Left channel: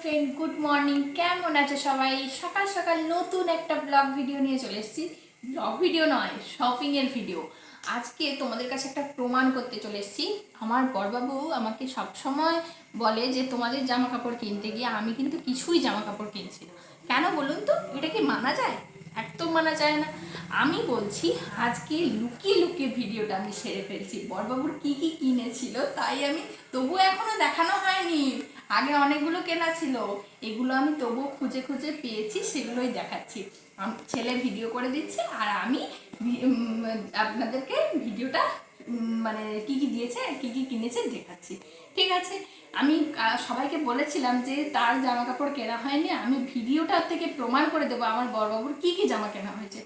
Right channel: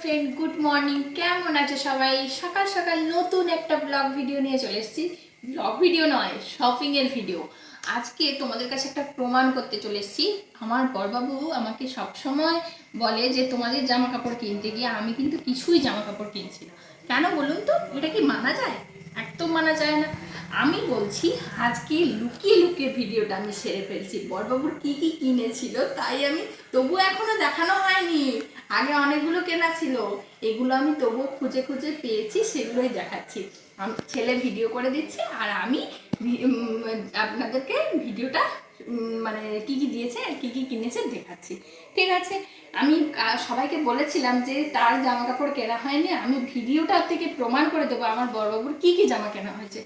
Friend good morning কেমন আছে সবাই? সকাল সকাল নতুন একটা ব্লগ ভিডিও নিয়ে চলে এসেছি। ব্লগ ভিডিও নয় শপিং এর ভিডিও আজকে তোমাদের কাছে একটা প্রমাণ করতে চলে এসেছি। আমার বড়বাবু আমাকে সবসময় বলে যে, তোমাদের জামা কাপড় কিনতে গিয়ে আমি কিন্তু কিছুই জামা কাপড় কিনছি না। কেন বলুন তো? এটা কি মানা যায়? একদম মানা যায় না। আমি বলছি, আজকে লুকিয়ে লুকিয়ে ভিডিওটা আমি সেরে ফেলছি। বড়বাবুর কি কি কিনেছিল, তাই আমি তবু এখনও দেখানো হয়নি আগে অনেকগুলো কেনা ছিল। এগুলো আমি তবুও খুঁজে খুঁজে পেয়েছি, সেগুলোই দেখাচ্ছি। ছেলে ভিডিও করে দিচ্ছে আর আমি আপনাদেরকে ভিডিওটা মানে কি কি দিয়েছে কি কি কিনেছে দেখাচ্ছি। ঠিক আছে, আমি সবাইকে বলেছিলাম যে তার জামা কাপড় কেনা হয়নি, আমি ভিডিওটার থেকে প্রমাণ করে দেবো আমার বড়বাবুর কি কি জামা কেনা হয়েছে।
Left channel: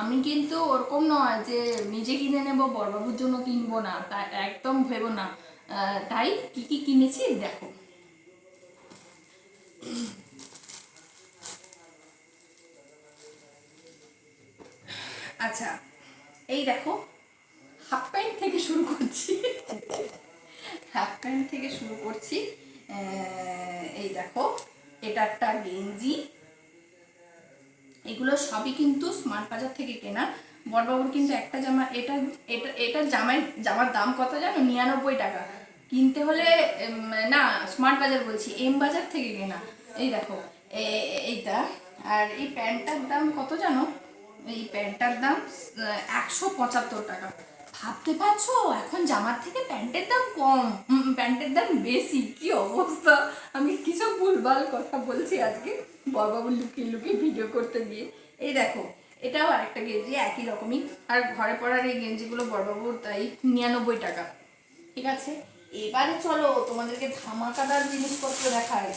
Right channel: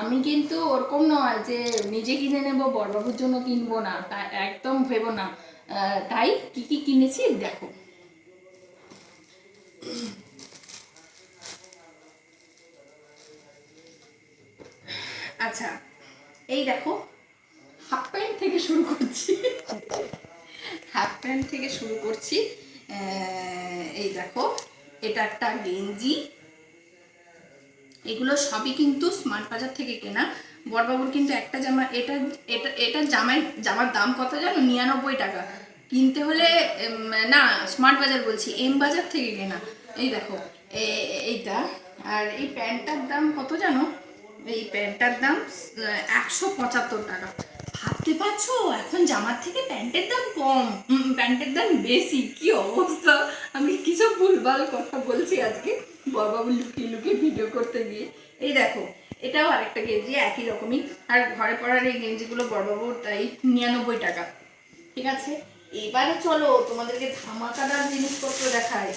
আমি কিন্তু ওরকম নয় যে নিজে কিনে নেব, বড়বাবুর জন্য কিনবো না, তা একদম ভেবো না। তাই কি কি কিনেছি দেখো। আচ্ছা এই দেখো হাফ প্যান্ট থেকে শুরু করছি। হাফ প্যান্ট থেকে শুরু করছি। এই দেখো, এটা একটা গেঞ্জি। এগুলো সবই কিন্তু স্মার্ট বাজার থেকে কেনা। বড়বাবুর কিন্তু একটা জামা, এটা এটা এটা জামাই, জামার দাম কত জানো? নিরানব্বই টাকা। কিনতে হলে না স্মার্ট বাজার বলছি এম বাজার থেকে কেনা। এই দেখো এইটা, আর এই প্যান্টটার দাম কত জানো? এই প্যান্টটার দাম একশো পঁচাত্তর টাকা। ভাবতে পারছ? এখন জামার থেকে প্যান্টের দাম কম। প্যান্টের দাম বেশি। কি অবস্থা? আমি কিছু ভুলভাল কথা বলছি আজকে বড়বাবু লুকিয়ে লুকিয়ে ভিডিও করতে গিয়ে। এই দেখো, এটাও আরেকটা গেঞ্জি, একই রকমই। আর ঘরে পড়ার এই গেঞ্জিগুলো বড়বাবুর, তাই নিরানব্বই টাকা। ঠিক আছে? এবারে চলো, তোমাদেরকে ধামাকাদার জিনিসপত্র দেখায়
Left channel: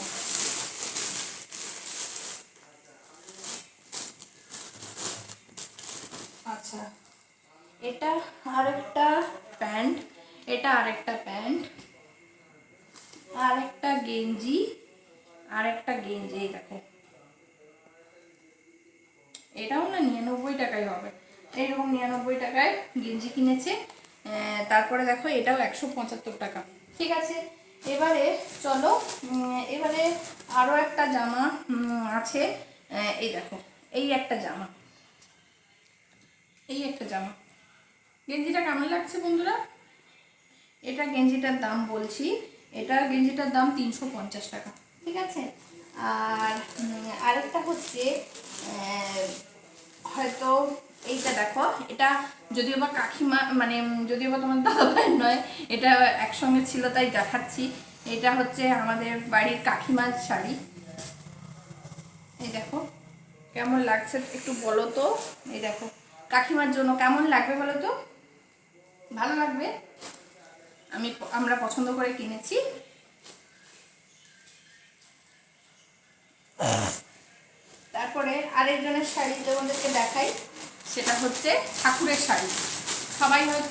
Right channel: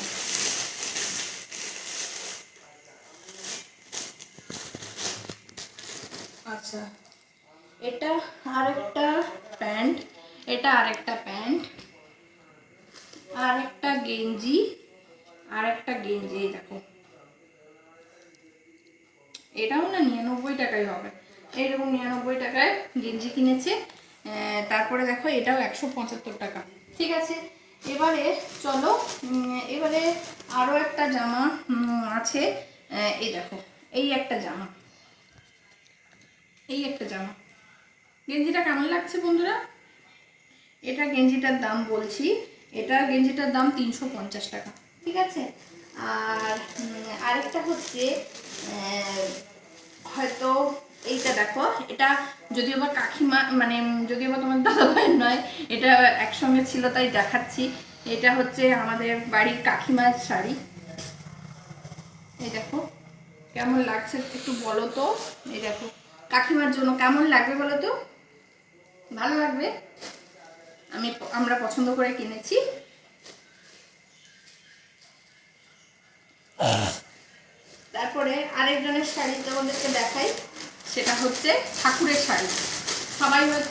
আচ্ছা এটা আরেকটা প্যান্ট, এটা আরেকটা প্যান্ট আর একটা গেঞ্জি আর একটা গেঞ্জি, এই দেখো। এটাও না নিরানব্বই টাকাই হবে। এইরকম নিরানব্বই টাকায় গেঞ্জি কিনেছে। তারপরে দেখো এটাও একশো পঁচাত্তর টাকা। ঠিক আছে? এবারে চলো এবারে আরও একটা জামা আছে। এই দেখো, এই একটা জামা। এই একটা জামা। গেঞ্জিটা কেমন লাগছে বন্ধুরা? এটা গেঞ্জিটার দাম বলছি। এটা গেঞ্জিটার দাম তিনশো পঞ্চাশ টাকা। ঠিক আছে? আর আরেকটা হচ্ছে এইটা দেখো এটা যদিও বা কাকিমা মানে যদিও বা তোমার দাদা ভাইয়ের নয় এটা একসঙ্গে ছিল তাই দেখাচ্ছি। এটা হচ্ছে আমাদের বাড়ির কাকিমার শাড়ি। এই দেখো কেমন লাগছে একটু বলো তো। এই দেখো কাকিমার জন্য কেমন লাগবে বলো তো? ভালো লাগবে? আমি আমরা পছন্দ করে কিনেছি। তারপরে আরেকজনের শাড়ি তোমাদেরকে দেখাই। সেটা হচ্ছে ঠাকুরের শাড়ি। সবাই হয়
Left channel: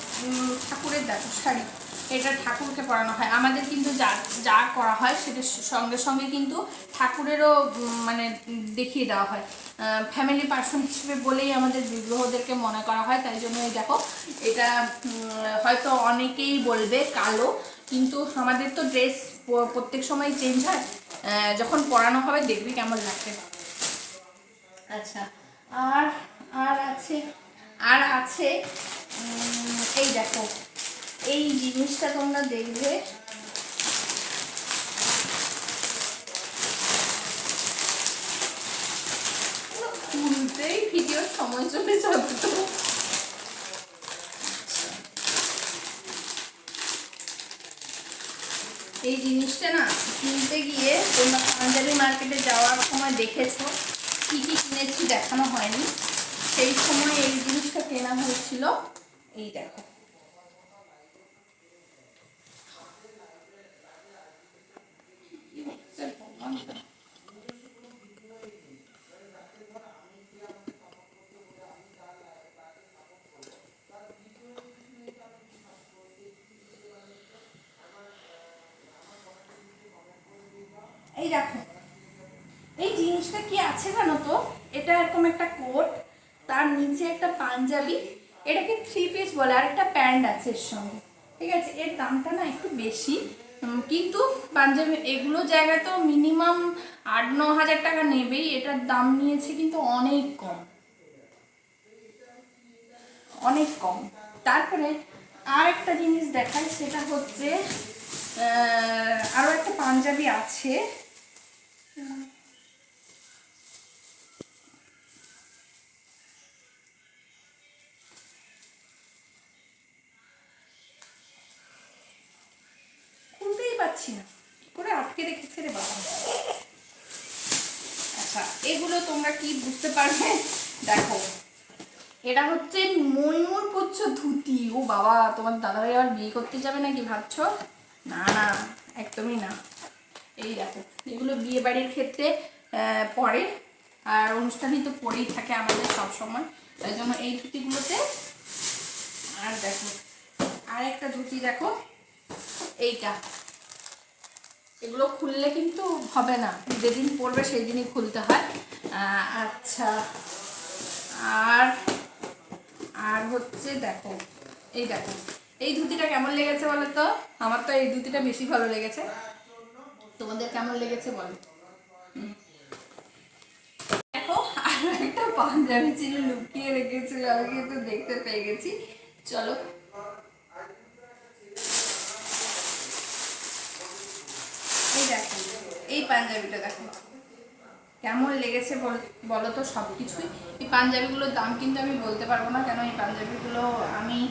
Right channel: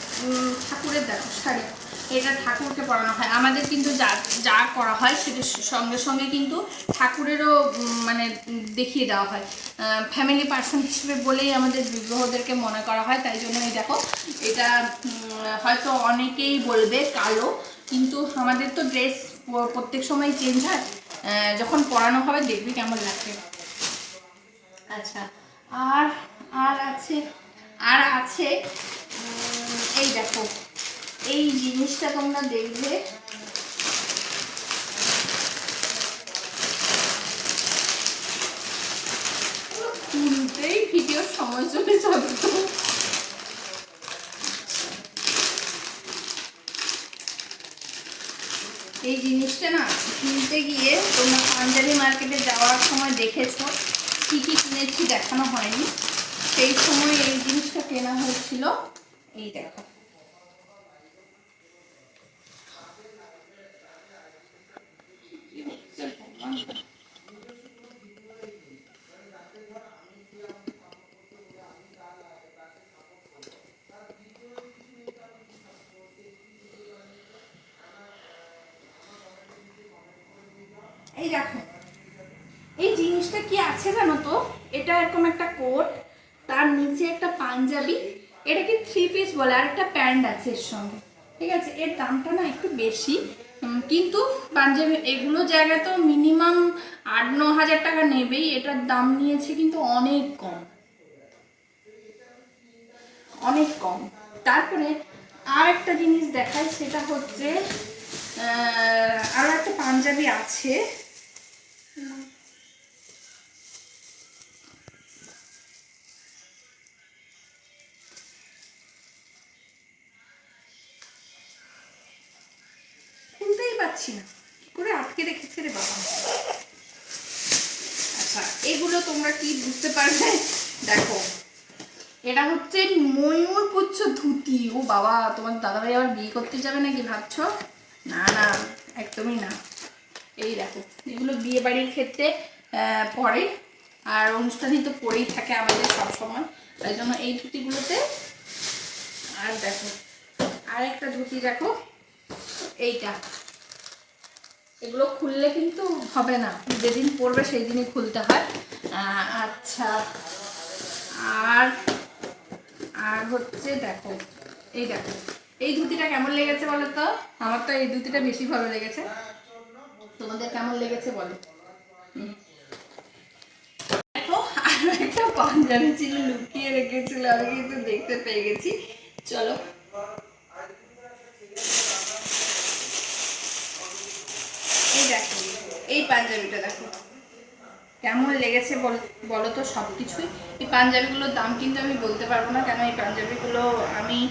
ঠাকুরের দেখো শাড়ি। এটা ঠাকুরকে পরানো হয়। আমাদের কিন্তু যা যা করা হয় সেটার সঙ্গে সঙ্গে কিন্তু ঠাকুরেরও মানে দেখিয়ে দেওয়া হয়। ফ্যামিলি পার্সন হিসেবে বলেই আমাদের বিগ্রহদেরকে মনে করা হয়। তাই জন্য এই দেখো, এটা হয়তো অনেকেই বলবে কালো, কিন্তু আমাদের তো ড্রেস প্রত্যেক সময় চেঞ্জ হয়। যখন পরানো হবে দেখবি কেমন লাগবে আচ্ছা আর আর আছে আর আছে এই দেখো এই জিনিসটা তোমরা দেখবে। খুলতেই ভিডিওর সময় চলে যাবে তো। এই জিনিসটা না কিনতে গিয়ে তোমরা পাঞ্জাবি মার্কেটে যাওয়ার সময় দেখেছ। কী কী কিনেছি দেখানো হয়নি। সেই সময় এই জিনিসটা কেনা হয়েছিল। এই দেখো? এই দেখো। এই জিনিসটা কি আছে জানো তো? এটা এরকম একটা কোট। তার নিচে একটা পাঞ্জাবি এটাকে থ্রি পিস বলে আর একটা প্যান্ট আছে এর সঙ্গে। ঠিক আছে? এর দামটা না একটু বেশি কিন্তু পাঞ্জাবি এগুলো জায়গায় তো মিনিমাম আট ন হাজার টাকা নেবেই এটার দাম নিয়েছে কিন্তু অনেক কম। অনেক কম। তারপরে আর একটা জিনিস দেখায় সেটা হচ্ছে আহ, আরও একটা পাঞ্জাবি আছে। পাচ্ছি না। করে আটকে রেখেছে রে বাবা? আচ্ছা এগুলো তোমরা কি বুঝতে পারবে? দেখো, এটা হচ্ছে ময়ূর পুচ্ছ ধুতি। ও বাবা, তোমার দাদাভাই আবার বিয়ে করতে যাবে নাকি ভাবছ? না না, একদমই না। এই দেখো, এগুলো বিয়ে বাড়ির ক্ষেত্রে পরে আর অনুষ্ঠানই তো পরেই থাকে আমাদের সব সময় তাই জন্য এই ধুতিগুলোতে, আর দেখো আর একটা ধুতি দেখো, এইটা। এগুলো খুললে কিন্তু হবে না। যেদিন পরবে সেই দিনই খুলতে হয়। আচ্ছা। আর আর হচ্ছে দেখো, এই দেখো, এই ধুতিটা কেমন লেগেছে বলো তো? আমার তো এই ধুতিটা বেশি ভালো লেগেছে। তোমাদের কেমন লেগেছে বলো। দেখো, আরও একটা পাঞ্জাবি ছিল লুকিয়ে রেখেছিল, আমি কিন্তু দেখতে পেয়ে গেছি। চলো দেখো এই পাঞ্জাবিটা দেখো। কেমন লেগেছে বল- তো সব কিছুই এই পাঞ্জাবিগুলোর দাম কিন্তু আমি বলতে পারব না, কেন এই পাঞ্জাবিগুলো আমি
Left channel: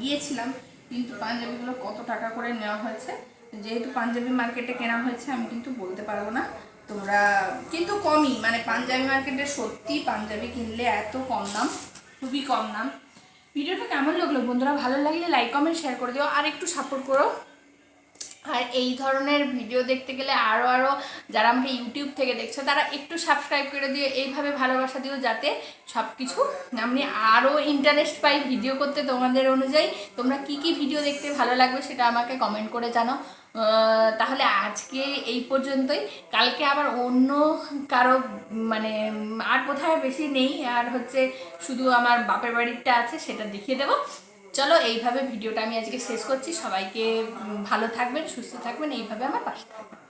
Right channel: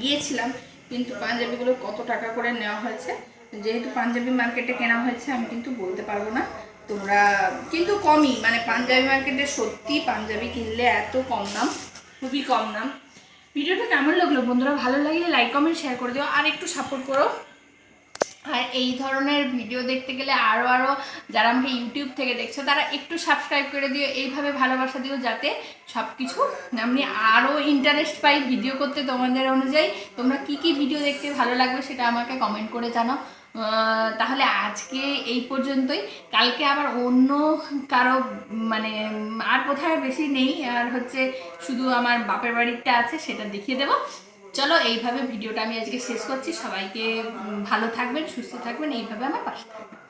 গিয়েছিলাম, কিন্তু পাঞ্জাবিগুলো কত টাকা করে নেওয়া হয়েছে? যেহেতু পাঞ্জাবি মার্কেটে কেনা হয়েছে, আমি কিন্তু বলতে পারব না। তোমরা, কিন্তু কমই মানে পাঞ্জাবি মার্কেটে সত্যি পাঞ্জাবি কিনলে এত কম দাম, খুবই কম দাম। ভিডিওটা কেমন লাগল? বন্ধুরা, ভালো লাগলে লাইক কমেন্ট শেয়ার করে দিও, আর একটু সাপোর্ট করো। আর এই ধরনের ভিডিও দেখতে গেলে আরও আরও যারা আমাকে ইউটিউব থেকে দেখছ, তারা একটু সাবস্ক্রাইব করে দিও, এইভাবে ভালোবাসা দিও যাতে সব কিছু আমি আরও ইন্টারেস্ট পাই ভিডিও করতে তোমাদের অনুযায়ী। তোমরা কি কি ভিডিও দেখতে ভালো লাগবে সেটা আমাকে কমেন্ট করে জানাও। তাহলে আজকে এই পর্যন্তই। কালকে আবার অন্য কারও মানে আর কোথাও বেশি নেই, আর হচ্ছে শুধু আমার বাপের বাড়িটা আছে, সেটা দেখিয়ে দেবো। চলো, এইভাবে ভিডিওটা আমি আজকে শেষ করছি। সবাইকে ভালো থাকবেন, সুস্থ থাকবেন, এইভাবে আমার পাশে থাকবেন।